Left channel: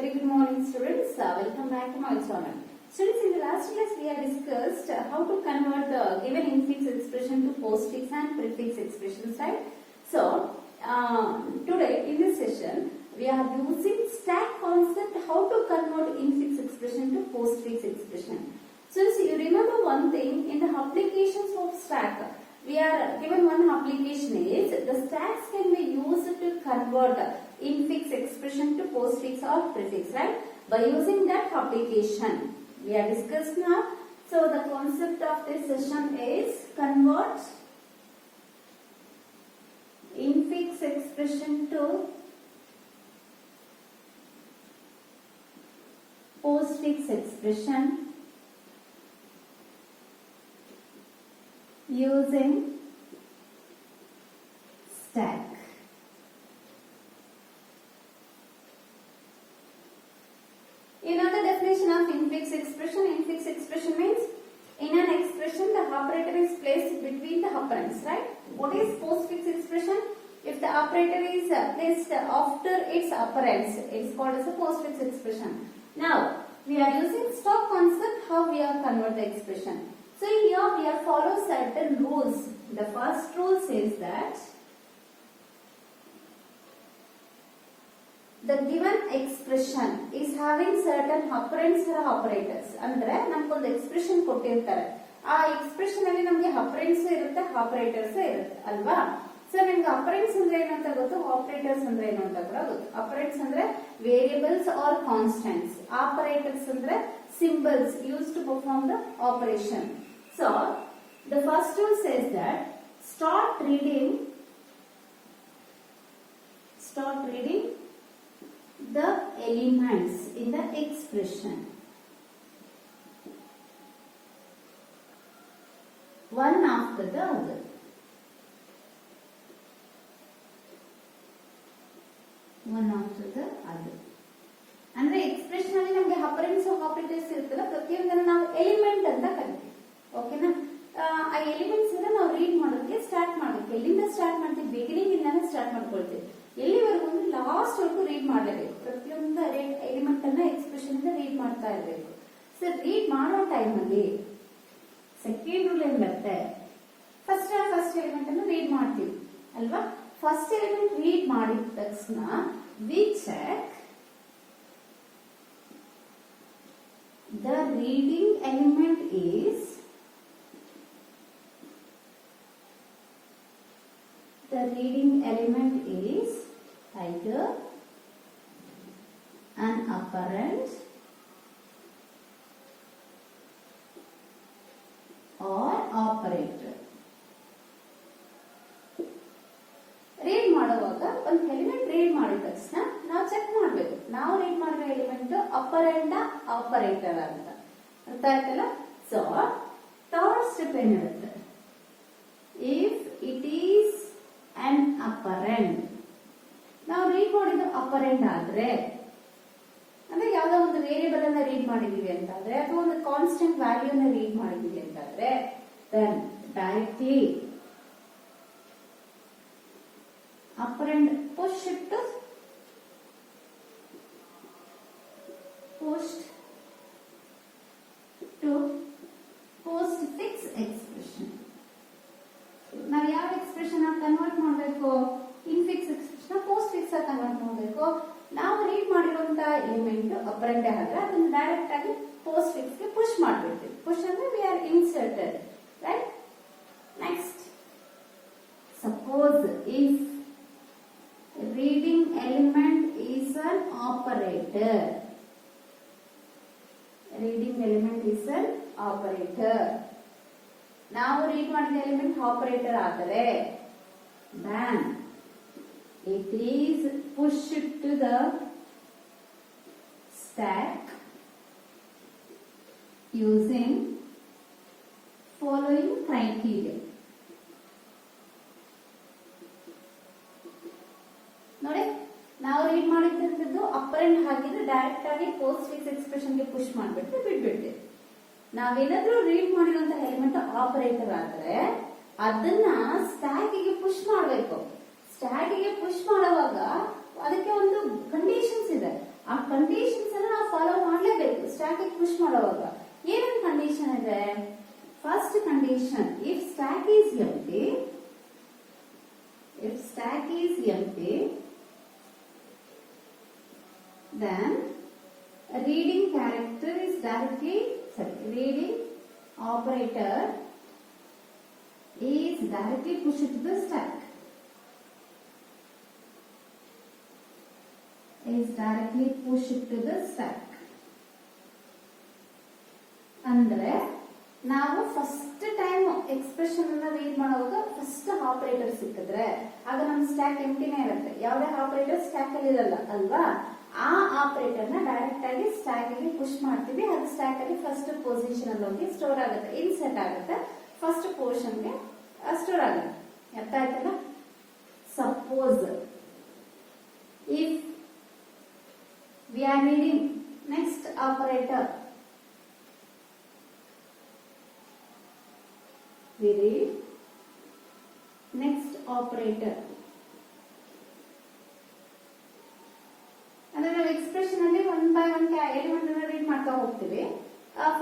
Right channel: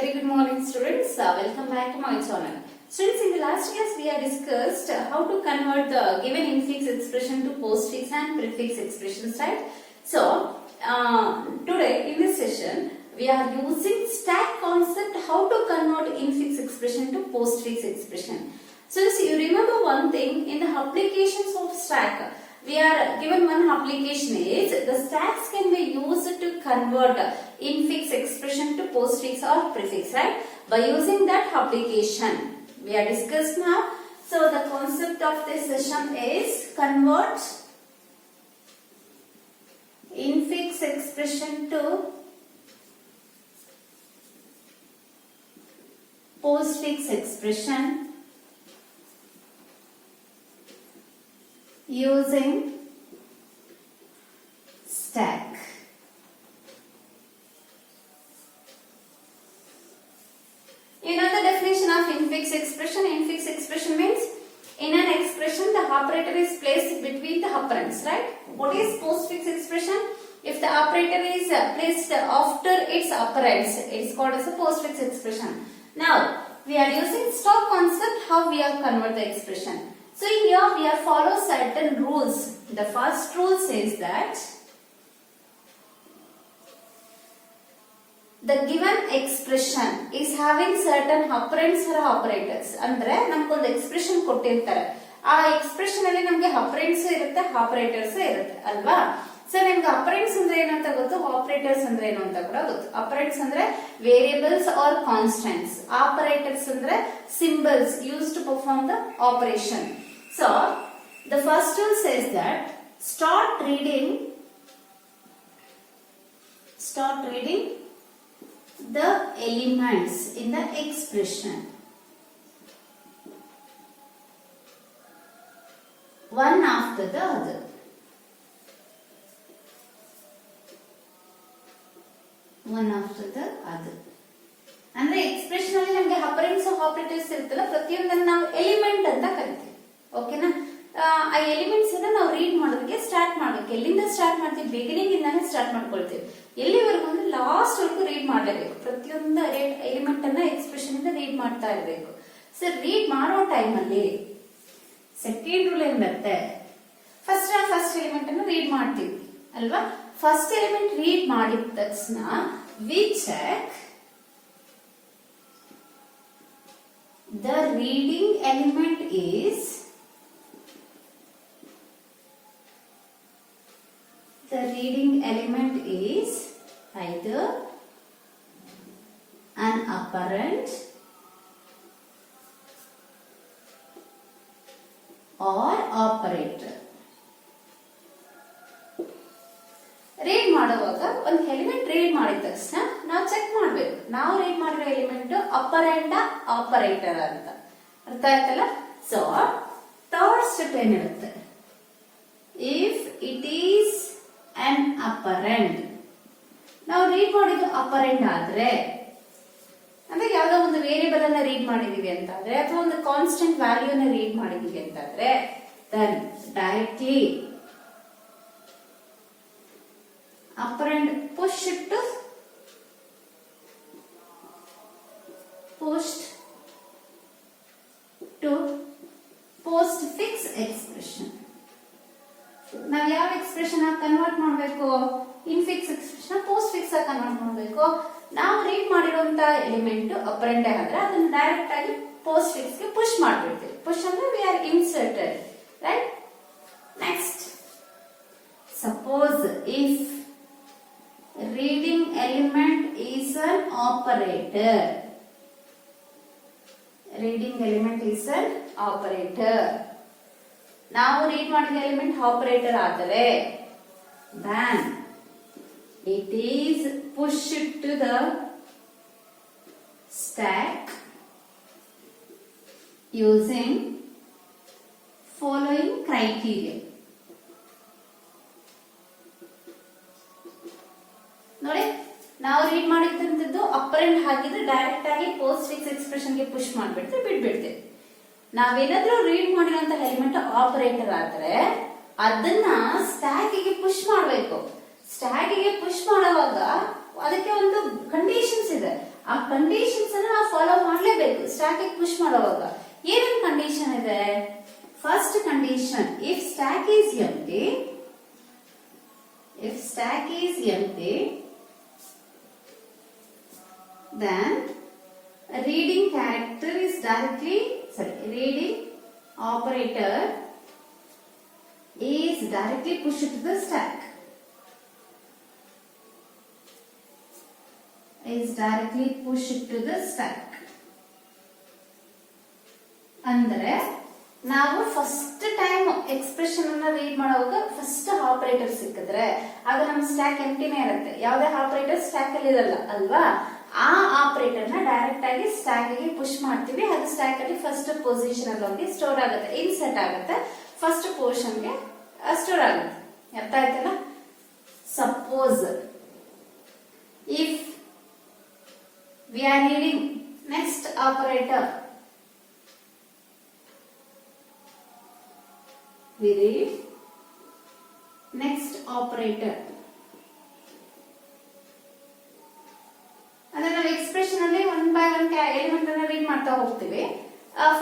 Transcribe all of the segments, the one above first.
Very good morning students. Welcome back to my channel. Students, in the last class we have discussed how to convert the given infix expression to postfix and prefix expressions, right? So, today in this session we are using stack concept how to convert infix expression to postfix expression. So, you remember one thing in the applications of stack. We are given one application is the stacks can be used to convert infix expression to postfix or prefix, right? By using that application we are discussed now. So the concept of this session is convert infix expression to postfix expression using stack. You know the definition of infix expression. Infix expression means in an expression the operator is placed between the operands, right? What is postfix expression? If the operator is placed after its operands, it is called as a postfix expression. Now we are using stack concept how we are convert the expression. So here we are follow certain rules. The first rule says that the given expression is having certain operands or operators. ಅಂದ್ರೆ ನಮಗೊಂದು ಎಕ್ಸ್ಪ್ರೆಷನ್ ಕೊಟ್ಟಿರ್ತಾರೆ. ಆ ಎಕ್ಸ್ಪ್ರೆಷನ್ ಅಲ್ಲಿ ನಮಗೆ ಆಪರೆಂಡ್ಸ್ ಇರುತ್ತೆ, ಆಪರೇಟರ್ಸ್ ಇರುತ್ತೆ ಅಲ್ವಾ? ಸೊ ನಿಮ್ಗೆ ಆಪರೆಂಡ್ಸ್ ಅಂದ್ರೆ ಏನು ಅಂತ ಗೊತ್ತು, ಆಪರೇಟರ್ಸ್ ಅಂದ್ರೆ ಏನು ಅಂತ ಕೂಡ ಗೊತ್ತು. ಆಪರೆಂಡ್ಸ್ ಅಂದ್ರೆ ವೇರಿಯಬಲ್ಸ್ ಆರ್ ಕಾನ್ಸ್ಟೆಂಟ್ಸ್, ಆಪರೇಟರ್ಸ್ ಅಂದ್ರೆ symbols used to perform the operation. So the first rule says that start reading the elements in the expression one after the other. ಅಂದ್ರೆ ಎಕ್ಸ್ಪ್ರೆಷನ್ ಅಲ್ಲಿ ನಮಗೆ ಆಪರೆಂಡ್ಸ್ ಆಪರೇಟರ್ಸ್ ಇರುತ್ತಲ್ಲ, ಪ್ರತಿಯೊಂದನ್ನು ನಾವು ಎಲಿಮೆಂಟ್ ಅಂತ ಕರಿತೀವಿ. ಓಕೆನಾ? ಆ ಎಲಿಮೆಂಟ್ಸ್ ಅನ್ನ ನಾವು ರೀಡ್ ಮಾಡೋದಕ್ಕೆ ಸ್ಟಾರ್ಟ್ ಮಾಡಬೇಕು. ಎಲ್ಲಿಂದ ಸ್ಟಾರ್ಟ್ ಮಾಡ್ತೀವಿ? ಬಿಗಿನಿಂಗ್ ಇಂದಾನೆ ಸ್ಟಾರ್ಟ್ ಮಾಡ್ಕೊಳ್ತೀವಿ. ಎಲ್ಲಿವರೆಗೂ ಅಂದ್ರೆ ಲಾಸ್ಟ್ ವರೆಗೂ ರೀಡ್ ಮಾಡಲೇಬೇಕು. ಪ್ರತಿಯೊಂದು ಎಲಿಮೆಂಟ್ ಅನ್ನ ಎಕ್ಸ್ಪ್ರೆಷನ್ ಇಂದ ರೀಡ್ ಮಾಡ್ತಾ ಇರಬೇಕು. ಸೊ ರೀಡ್ ಮಾಡೋ ಟೈಮ್ ಅಲ್ಲಿ ಸೆಕೆಂಡ್ ರೂಲ್ ಏನಿರುತ್ತೆ, ಫಸ್ಟ್ ಎಲಿಮೆಂಟ್ ಅನ್ನು ರೀಡ್ ಮಾಡ್ತೀವಿ ಅಲ್ವಾ? ಫಸ್ಟ್ ಎಲಿಮೆಂಟ್ ರೀಡ್ ಮಾಡಿದ ತಕ್ಷಣ we check the reading element is either an operand or operator. Read ಮಾಡುವಾಗ ಒಂದು ಎಲಿಮೆಂಟ್ ರೀಡ್ ಮಾಡಿದ ತಕ್ಷಣ ನಾವು ಚೆಕ್ ಮಾಡಬೇಕು, ನಾವು ರೀಡ್ ಮಾಡಿರೋ ಎಲಿಮೆಂಟ್ ಅಪರೆಂಡ ಆಪರೇಟರ್ ಅಂತ. ಅರ್ಥ ಆಯ್ತಲ್ಲ? ಸೊ ಥರ್ಡ್ ಸ್ಟೆಪ್ ಏನಿರುತ್ತೆ, ಇಫ್ ಇಟ್ ಈಸ್ ಅನ್ ಅಪರೆಂಡ್, ನಾವು ರೀಡ್ ಮಾಡಿದ್ದು ಅಪರೆಂಡ್ ಆದ್ರೆ, ಅಂದ್ರೆ ಯಾವ್ದೋ ಒಂದು ವೇರಿಯಬಲ್ ಅನ್ನ ರೀಡ್ ಮಾಡಿದೀವಿ ಅಂತಾದ್ರೆ ಅಥವಾ ಒಂದು ಕಾನ್ಸ್ಟೆಂಟ್ ವ್ಯಾಲ್ಯೂನ ರೀಡ್ ಮಾಡಿದೀವಿ ಅಂತಾದ್ರೆ, then directly operand push to postfix expression. ನಾವು ಯಾವ ಎಕ್ಸ್ಪ್ರೆಷನ್ ಆಗಿ ಕನ್ವರ್ಟ್ ಮಾಡಬೇಕು? ಇನ್ಫಿಕ್ಸ್ ಎಕ್ಸ್ಪ್ರೆಷನ್ postfix ಆಗಿ ಕನ್ವರ್ಟ್ ಮಾಡಬೇಕು. ನಾವು ರೀಡ್ ಮಾಡಿರುವಂತ ಎಲಿಮೆಂಟ್ ಅಪರೆಂಡ್ ಆದ್ರೆ ಅದನ್ನ ಡೈರೆಕ್ಟ್ ಆಗಿ postfix ಗೆ ಪುಷ್ ಮಾಡ್ಬಿಡ್ತೀವಿ. ಪುಷ್ ಅಂದ್ರೆ we are inserted, right? Next, suppose if reading element is an operator. ನಾವು ರೀಡ್ ಮಾಡಿದ ಎಲಿಮೆಂಟ್ ಆಪರೇಟರ್ ಆದರೆ then it is pushed to the stack using following criteria. ನೋಡಿ, ನಾವು ರೀಡ್ ಮಾಡಿದಂತದ್ದು ಅಪರೆಂಡ್ ಹಾಕಿದ್ರೆ ಡೈರೆಕ್ಟ್ ಆಗಿ postfix ಎಕ್ಸ್ಪ್ರೆಷನ್ ಗೆ ಪುಷ್ ಮಾಡ್ಬಿಡ್ತೀವಿ, ಬಿಟ್ಬಿಡ್ತೀವಿ. ನಾವೇನಾದ್ರೂ ರೀಡ್ ಮಾಡಿರೋಂತ ಎಲಿಮೆಂಟ್ ಆಪರೇಟರ್ ಆದ್ರೆ ಅದನ್ನ ಸ್ಟ್ಯಾಕ್ ಗೆ ಪುಷ್ ಮಾಡಬೇಕು. ಸ್ಟ್ಯಾಕ್ ಗೆ ಪುಷ್ ಮಾಡುವಾಗ ಅದಕ್ಕೆ ಒಂದು ಕಂಡೀಷನ್ಸ್ ಇದೆ. ಆ ಕಂಡೀಷನ್ಸ್ ಅನ್ನು ನಾವು ಫಾಲೋ ಮಾಡಲೇಬೇಕು ಸ್ಟ್ಯಾಕ್ ಪುಷ್ ಮಾಡುವಾಗ. ಏನೇನು ಕಂಡೀಷನ್ ಇದೆ? First condition, if stack is empty, then reading character is reading operator is directly pushed to the stack. ಅಂದ್ರೆ ನಾವು ಫಸ್ಟ್ ಟೈಮ್ ಎಕ್ಸ್ಪ್ರೆಷನ್ ಅನ್ನ ರೀಡ್ ಮಾಡುವಾಗ ಫಸ್ಟ್ ಆಪರೇಟರ್ ಸಿಕ್ಕಿದ್ರೆ ಆಗ ನಮ್ಮ ಸ್ಟ್ಯಾಕ್ ಎಂಟಿನೇ ಇರುತ್ತೆ. ಯಾವುದೇ ಆಪರೇಟರ್ ಸ್ಟ್ಯಾಕ್ ಅಲ್ಲಿ ಇರಲ್ಲ ಅಲ್ವಾ? ಆ ಆಪರೇಟರ್ ನ ಡೈರೆಕ್ಟ್ ಆಗಿ ಸ್ಟ್ಯಾಕ್ ಗೆ ಪುಷ್ ಮಾಡ್ತೀವಿ. ಅದು ಸ್ಟ್ಯಾಕ್ ಅಲ್ಲಿ ಫಸ್ಟ್ ಪೊಸಿಷನ್ ಅಲ್ಲಿ ಹೋಗಿ ಸ್ಟೋರ್ ಆಗುತ್ತೆ, ಇನ್ಸರ್ಟ್ ಆಗುತ್ತೆ, ಫಸ್ಟ್ ಪೊಸಿಷನ್ ಗೆ ಸ್ಟೋರ್ ಆಗುತ್ತೆ. ಅರ್ಥ ಆಯ್ತಲ್ಲ? Suppose if we are reading next operator, we read next operator, ಅಂದ್ರೆ ನಾವು ಎಕ್ಸ್ಪ್ರೆಷನ್ ಅಲ್ಲಿ ಒನ್ ಬೈ ಒನ್ ಎಲಿಮೆಂಟ್ ಅನ್ನ ರೀಡ್ ಮಾಡ್ತಾ ಹೋಗ್ತೀವಿ.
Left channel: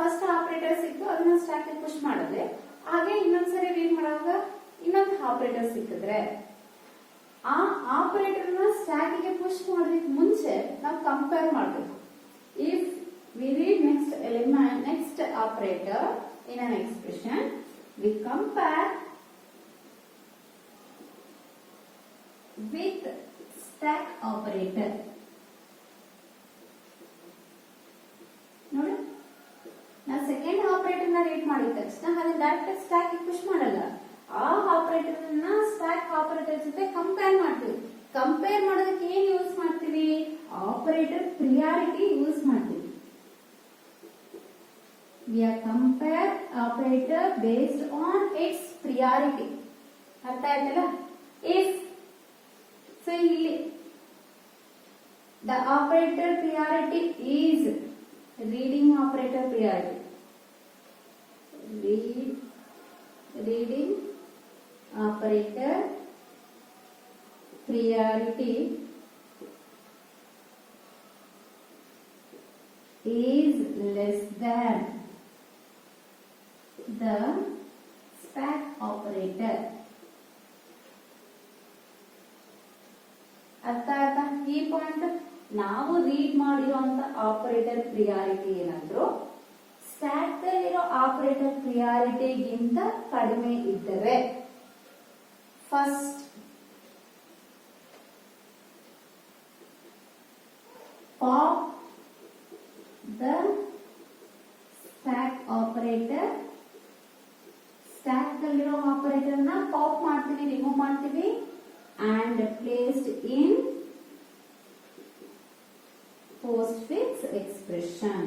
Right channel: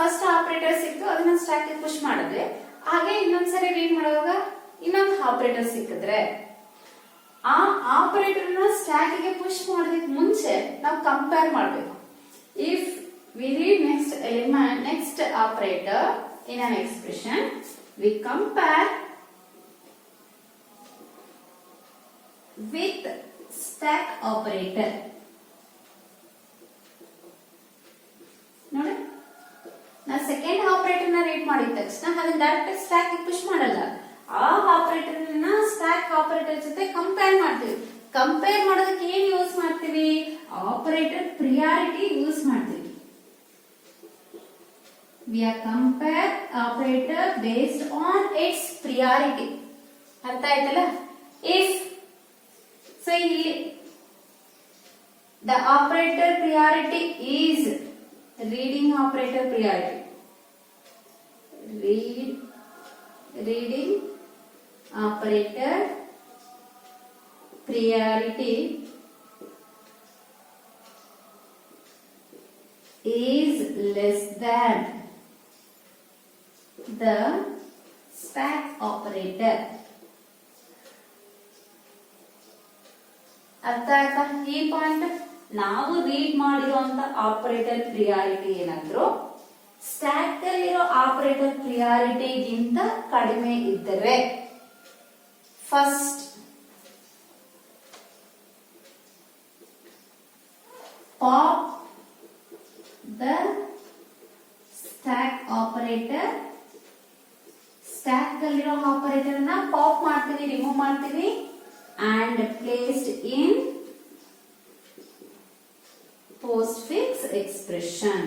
ಫಸ್ಟ್ ಆಪರೇಟರ್ ಸಿಕ್ತು, ಅದನ್ನ ಸ್ಟ್ಯಾಕ್ ಗೆ ಪುಷ್ ಮಾಡಿದ್ವಿ. ಹಾಗೆ ಇನ್ನೊಂದ್ಸರಿ ರೀಡ್ ಮಾಡುವಾಗ ಇನ್ನೊಂದು ಆಪರೇಟರ್ ಸಿಕ್ಕಿದ್ರೆ ಆ ಆಪರೇಟರ್ ನ ಸ್ಟ್ಯಾಕ್ ಗೆ ಪುಷ್ ಮಾಡೋದಕ್ಕೆ ಮುಂಚೆ ನಾವು ಕಂಪೇರ್ ಮಾಡಬೇಕು. If we read next operator in an expression, we compare with stack operator. ನೋಡಿ, ನಾವು ಸೆಕೆಂಡ್ ಆಪರೇಟರ್ ನ ರೀಡ್ ಮಾಡಿದ ತಕ್ಷಣ ಅದನ್ನ ಡೈರೆಕ್ಟ್ ಸ್ಟ್ಯಾಕ್ ಗೆ ಪುಷ್ ಮಾಡಲ್ಲ. ಆ ಆಪರೇಟರ್ ನ ಸ್ಟ್ಯಾಕ್ ಆಪರೇಟರ್ ಜೊತೆ ಕಂಪೇರ್ ಮಾಡ್ತೀವಿ. ಕಂಪೇರ್ ಮಾಡೋದಕ್ಕೆ ಏನ್ ಯೂಸ್ ಮಾಡ್ತೀವಿ? ಆಪರೇಟರ್ ಪ್ರಿಯಾರಿಟಿ ಯೂಸ್ ಮಾಡ್ತೀವಿ. We are compare operator based on its priority. ಅರ್ಥ ಆಯ್ತಲ್ಲ? ಇಫ್ ಸೊ ಇಲ್ಲಿ the operator priority is reading operator priority, reading operator priority is less than the stack operator. ಅರ್ಥ ಆಯ್ತಾ ಈ ಪಾಯಿಂಟ್? ನಾವು ರೀಡ್ ಮಾಡಿರುವಂತ ಆಪರೇಟರ್ ಪ್ರಿಯಾರಿಟಿ ಏನಾದ್ರು ಸ್ಟ್ಯಾಕ್ ಅಲ್ಲಿರೋ ಆಪರೇಟರ್ ಪ್ರಿಯಾರಿಟಿಗಿಂತ ಕಡಿಮೆ ಇದ್ದರೆ first pop the stack operator, stack ಅಲ್ಲಿರೋ ಆಪರೇಟರ್ ನ ಪಾಪ್ ಮಾಡ್ತೀವಿ, ರಿಮೂವ್ ಮಾಡ್ತೀವಿ, and placed in postfix expression.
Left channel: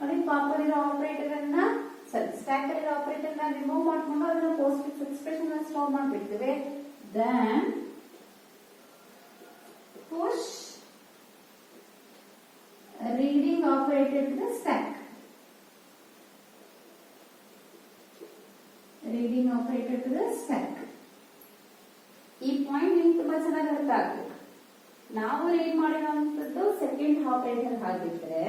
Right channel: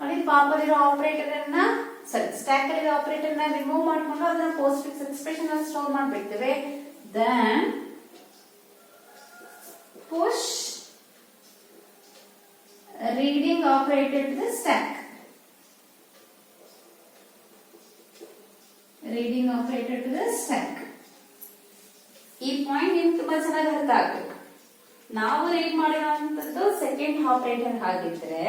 ನೋಡಿ, ಪಾಪ್ ಅಲ್ಲಿರೋ ಆಪರೇಟರ್ ಅನ್ನ ಸ್ಟ್ಯಾಕ್ ಅಲ್ಲಿರೋ ಆಪರೇಟರ್ ನ ರಿಮೂವ್ ಮಾಡ್ಕೊಂಡು ಅದನ್ನ postfix expression ಅಲ್ಲಿ ಸ್ಟೋರ್ ಮಾಡ್ಬಿಡ್ತೇವೆ. then push reading operator to the stack. reading operator to the stack. ಈ ಪಾಯಿಂಟ್ ನಿಮ್ಗೆ ತುಂಬಾ ಚೆನ್ನಾಗಿ ಅರ್ಥ ಆಗ್ಬೇಕು. ನಾವು ರೀಡ್ ಮಾಡಿರುವಂತದ್ದು ಸೆಕೆಂಡ್ ಆಪರೇಟರ್ ಆಗಿದ್ರೆ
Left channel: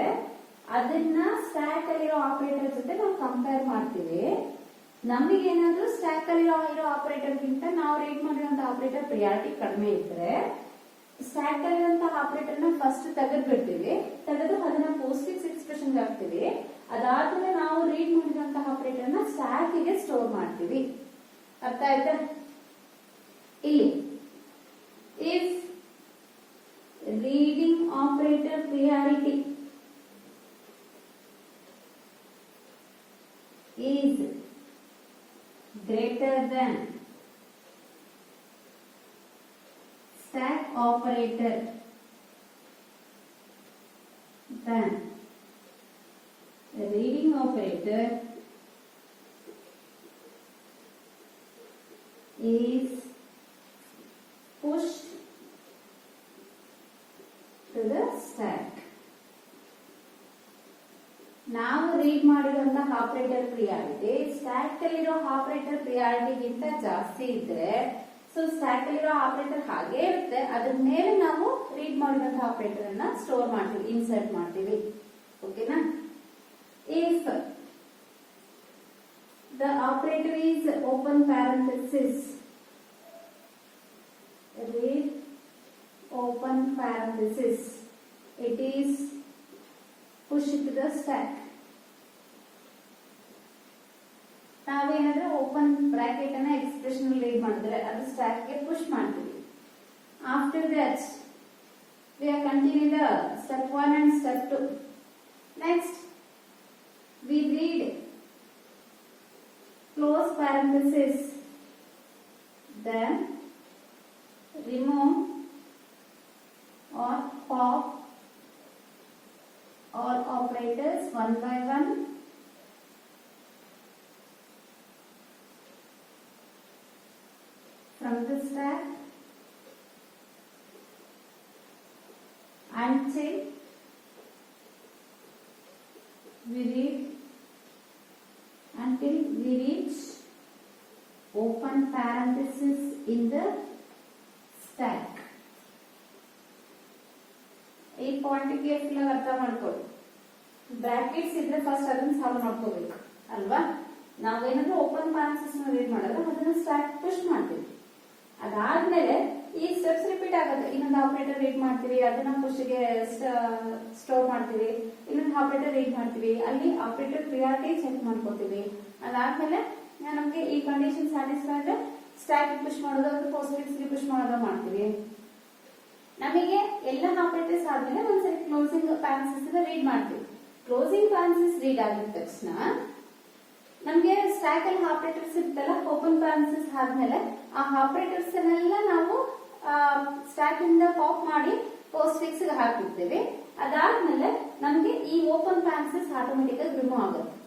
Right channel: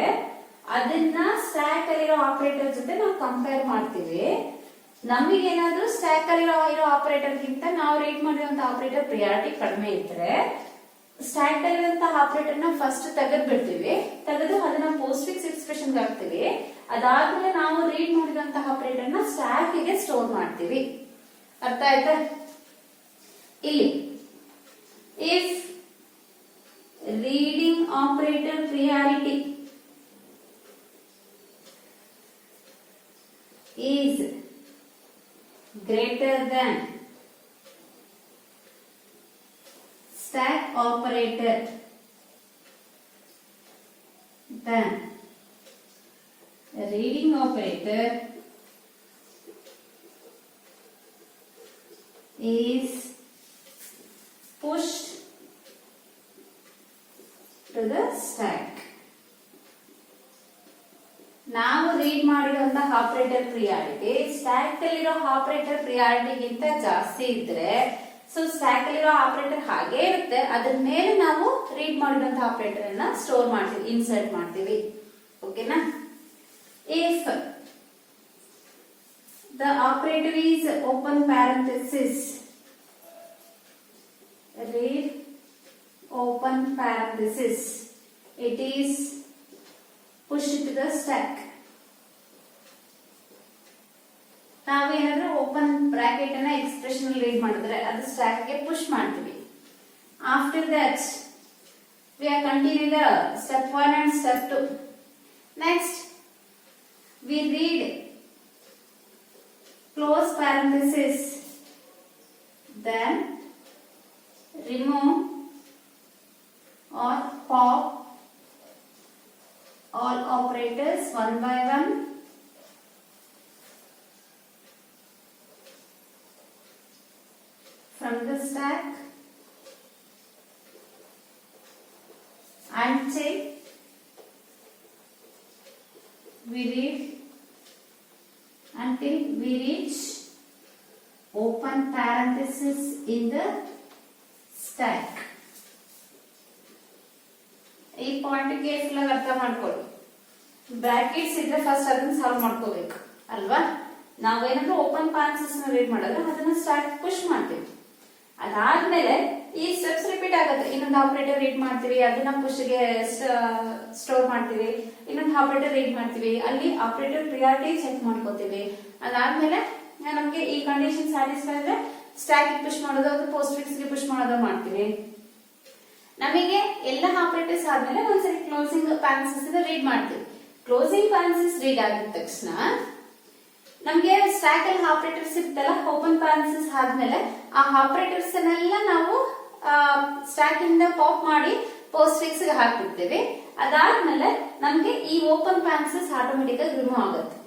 ಅದನ್ನ ಸ್ಟ್ಯಾಕ್ ಅಲ್ಲಿರೋ ಆಪರೇಟರ್ ಜೊತೆ ನಾವು ಕಂಪೇರ್ ಮಾಡ್ತೀವಿ. ನಮಗೇನಾದ್ರೂ ಸ್ಟ್ಯಾಕ್ ಅಲ್ಲಿರೋ ಆಪರೇಟರ್ ಗಿಂತ ನಾವು ರೀಡ್ ಮಾಡಿರುವಂತ ಆಪರೇಟರ್ ಪ್ರಿಯಾರಿಟಿ ಕಡಿಮೆ ಇದ್ರೆ ಸ್ಟ್ಯಾಕ್ ಅಲ್ಲಿರುವಂತ ಆಪರೇಟರ್ ನ ಫಸ್ಟ್ ತೆಗೆದು ಬಿಡ್ತೀವಿ. ತೆಗೆದು ಅದನ್ನ postfix ಎಕ್ಸ್ಪ್ರೆಷನ್ ಹಾಕ್ತಿವಿ. ಅದಾದ್ಮೇಲೆ ನಾವು ರೀಡ್ ಮಾಡಿರುವಂತ ಆಪರೇಟರ್ ನ ಸ್ಟ್ಯಾಕ್ ಗೆ ಸ್ಟೋರ್ ಮಾಡ್ತೀವಿ. ಅರ್ಥ ಆಯ್ತಾ? ಇಲ್ಲಿ if reading operator priority is greater than stack operator, then reading operator is pushed to the stack. ನಾವು ರೀಡ್ ಮಾಡಿರುವಂತಹ ಆಪರೇಟರ್ ಪ್ರಿಯಾರಿಟಿ ಸ್ಟ್ಯಾಕ್ ಅಲ್ಲಿರೋ ಆಪರೇಟರ್ ಪ್ರಿಯಾರಿಟಿಗಿಂತ ಜಾಸ್ತಿ ಇದ್ರೆ ಸೊ ಸ್ಟ್ಯಾಕ್ ಅಲ್ಲಿರೋ ಆಪರೇಟರ್ ಹಾಗೆ ಇರುತ್ತೆ, ಅದ್ರ ಮೇಲೆ ನಾವು ರೀಡ್ ಮಾಡಿರುವಂತಹ ಆಪರೇಟರ್ ಅನ್ನ ಸ್ಟೋರ್ ಮಾಡ್ತೀವಿ, ಇನ್ಸರ್ಟ್ ಮಾಡ್ತೀವಿ. ಓಕೆನಾ? If the operator is open parenthesis, read open parenthesis, it is pushed to the stack. ನಾವೇನಾದ್ರೂ ಓಪನ್ ಬ್ರಾಕೆಟ್ ಅನ್ನ ಎಕ್ಸ್ಪ್ರೆಷನ್ ರೀಡ್ ಮಾಡಿದ್ರೆ ಅದು ಸ್ಟ್ಯಾಕ್ ಗೆ ಪುಷ್ ಮಾಡ್ತೀವಿ. After that we are continue the step 1 and step 2. Next we read close parenthesis, then remove or pop all operators one by one. From the stack until we reach open parenthesis in the stack. ಈ point careful ಆಗಿ ಅರ್ಥ ಮಾಡ್ಕೊಳ್ಳಿ. ಬ್ರಾಕೆಟ್ಸ್ ಇದ್ರೆ ಫಸ್ಟ್ ಅದನ್ನ ಸಾಲ್ವ್ ಮಾಡ್ಕೋಬೇಕು ಅಲ್ವಾ? ನಾವೇನಾದ್ರೂ ಓಪನ್ ಪ್ಯಾರೆಂಥೆಸಿಸ್ ನ ರೀಡ್ ಮಾಡಿದ್ರೆ ಅದನ್ನ ಸ್ಟಾಕ್ ಪುಷ್ ಮಾಡ್ತೀವಿ. ಅದಾದ್ಮೇಲೆ ಈ ಸ್ಟೆಪ್ಸ್ ರಿಪೀಟ್ ಆಗುತ್ತೆ. ಇನ್ನೊಂದು ಆಪರೇಟರ್ ರೀಡ್ ಮಾಡ್ತೀವಿ, ಅದನ್ನ ಪುಷ್ ಗೆ ಸ್ಟೋರ್ ಮಾಡ್ತೀವಿ, ಇನ್ನೊಂದು ಆಪರೇಟರ್ ರೀಡ್ ಮಾಡ್ತೀವಿ, ಅಲ್ಲಿ ಆಪರೇಟರ್ ಪ್ರಿಯಾರಿಟಿ ಚೆಕ್ ಮಾಡ್ಕೋತೀವಿ. ಅದಾದ್ಮೇಲೆ ನಮ್ಗೆ ಈ ಕಂಡೀಷನ್ ಸ್ಯಾಟಿಸ್ಫೈ ಆದ್ರೆ ಸ್ಟ್ಯಾಕ್ ಪುಷ್ ಮಾಡೋದು, ಅದು ಪೋಸ್ಟ್ ಫಿಕ್ಸ್ ಗೆ ಪುಷ್ ಮಾಡೋದು ಮಾಡ್ತೀವಿ. ನಮಗೆ ಎಲ್ಲ ಆಪರೇಟರ್ಸ್ ಆದ್ಮೇಲೆ ಒಂದ್ಸರಿ ಕ್ಲೋಸಿಂಗ್ ಪ್ಯಾರೆಂಥೆಸಿಸ್ ರೀಡ್ ಮಾಡ್ತೀವಿ. ಕ್ಲೋಸಿಂಗ್ ಪ್ಯಾರೆಂಥೆಸಿಸ್ ರೀಡ್ ಆಗಿದ ತಕ್ಷಣ ನಮ್ಗೆ ಸ್ಟ್ಯಾಕ್ ಅಲ್ಲಿ ಆಪರೇಟರ್ಸ್ ಇರ್ತಲ್ಲ, ಓಪನ್ ಪ್ಯಾರೆಂಥೆಸಿಸ್ ಆದ್ಮೇಲೆ ಆ ಆಪರೇಟರ್ಸ್ ಅನ್ನೆಲ್ಲ ನಾವು ಸ್ಟ್ಯಾಕ್ ಇಂದ ಪಾಪ್ ಮಾಡಿ ಪೋಸ್ಟ್ ಫಿಕ್ಸ್ ಗೆ ಹಾಕ್ಬಿಡ್ತೇವೆ. ಅದಾದ್ಮೇಲೆ ನಮ್ಗೆ ಈ ಓಪನ್ ಪ್ಯಾರೆಂಥೆಸಿಸ್ ಆಟೋಮೆಟಿಕ್ ಆಗಿ ರಿಮೂವ್ ಆಗುತ್ತೆ.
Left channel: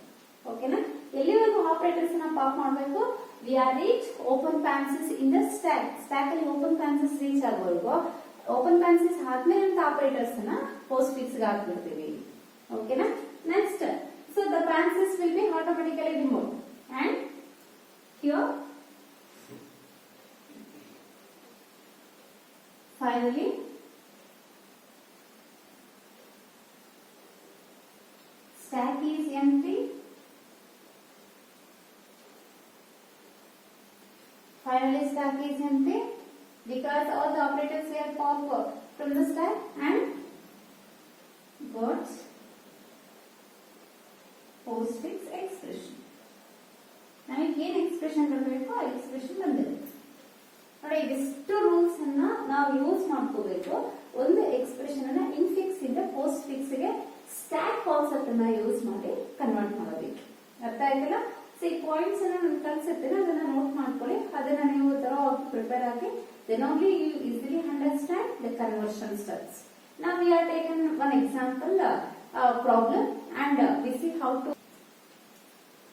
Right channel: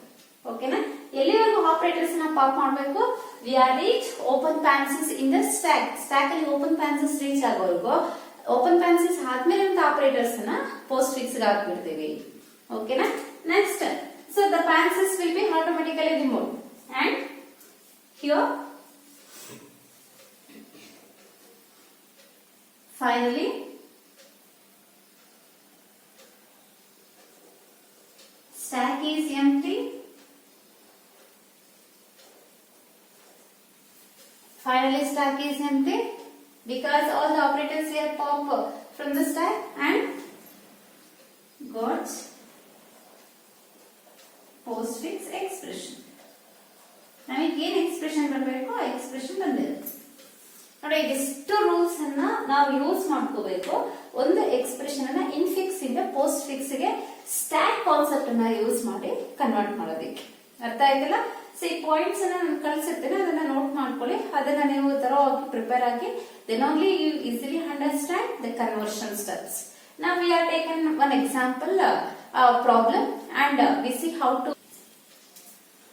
ಓಕೆನಾ? ಎಲ್ಲಿವರೆಗೂ ಆಪರೇಟರ್ಸ್ ನ ಪಾಪ್ ಮಾಡಬೇಕು? We are reach open parenthesis in the stack. Stack ಅಲ್ಲಿ ಓಪನ್ ಪ್ಯಾರೆಂಥೆಸಿಸ್ ರೀಚ್ ಆಗೋವರೆಗೂ ಓಪನ್ ಪ್ಯಾರೆಂಥೆಸಿಸ್ ಆದ್ಮೇಲೆ ಅಂತ ಆಪರೇಟರ್ಸ್ ನ ಪೋಸ್ಟ್ ಫಿಕ್ಸ್ ಗೆ ಹಾಕ್ಬಿಡ್ತೀವಿ. ಓಕೆನಾ? Next, so the parenthesis will be automatically removed, and here finally stack is empty. Finally stack is empty because all the operators here pop from the stack and got post fix expression. ನಮಗೆ ಏನು ಎಕ್ಸ್ಪ್ರೆಷನ್ ಬರಬೇಕು ಆ ಎಕ್ಸ್ಪ್ರೆಷನ್ ಬಂದಿರುತ್ತೆ ನೋಡಿ. ಎಷ್ಟು ರೂಲ್ಸ್ ಅನ್ನ ನಾವು ಯೂಸ್ ಮಾಡ್ಕೋಬೇಕು ಒಂದು ಎಕ್ಸ್ಪ್ರೆಷನ್ ಅನ್ನ ಇನ್ಫಿಕ್ಸ್ ಇಂದ ಪೋಸ್ಟ್ ಫಿಕ್ಸ್ ಗೆ ಸ್ಟ್ಯಾಕ್ ಕಾನ್ಸೆಪ್ಟ್ ಅನ್ನ ಯೂಸ್ ಮಾಡಿ ಕನ್ವರ್ಟ್ ಮಾಡೋದಕ್ಕೆ. ಅರ್ಥ ಆಯ್ತಲ್ಲ? ಸೊ ಈ ಪಾಯಿಂಟ್ಸ್ ಅನ್ನ ನಾನು ಕಳಿಸಿರ್ತೇನೆ, ಅದನ್ನ ನೋಟ್ ಮಾಡ್ಕೊಳ್ಳಿ. ಅದನ್ನ ನೀವು ತರ ಪ್ರಿಪೇರ್ ಆಗಿ then only you easily understand the conversion steps. Now we are taken one example problem and we see how to.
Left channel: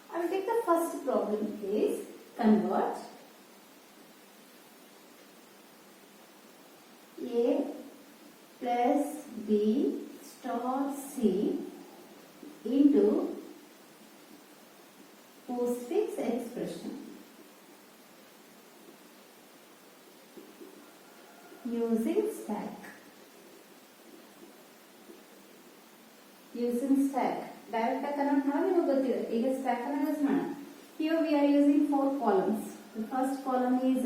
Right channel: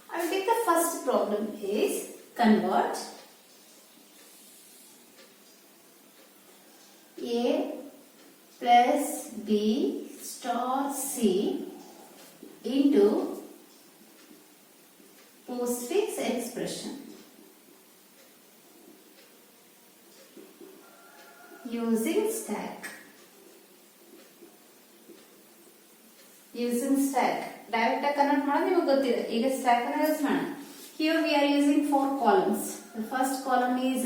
I will take the first problem is convert A plus B star C into postfix expression using stack. Using stack direct convert ಮಾಡೋದು ನಿಮಗೆ ಗೊತ್ತಿದೆ. ಈಗ stack ಅನ್ನು ಯೂಸ್ ಮಾಡೋಣ. Here we are using 4 columns. The first column is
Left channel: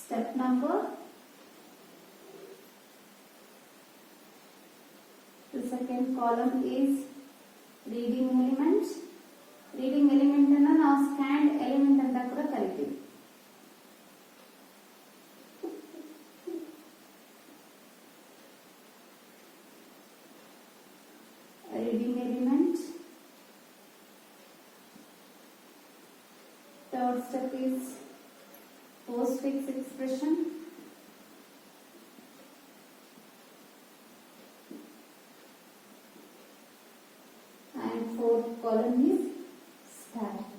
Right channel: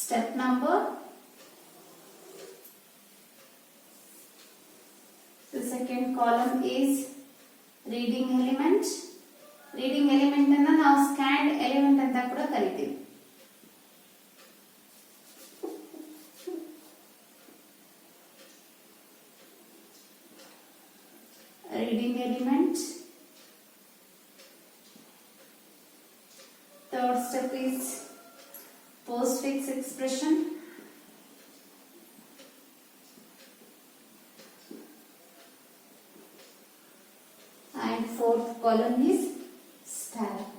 step number. The second column is reading element. Reading element ಅನ್ನು ನಾವು scanned element ಅಂತ ಕೂಡ ಕರಿತೀವಿ. Reading element. Third step is postfix expression. And fourth column is stack.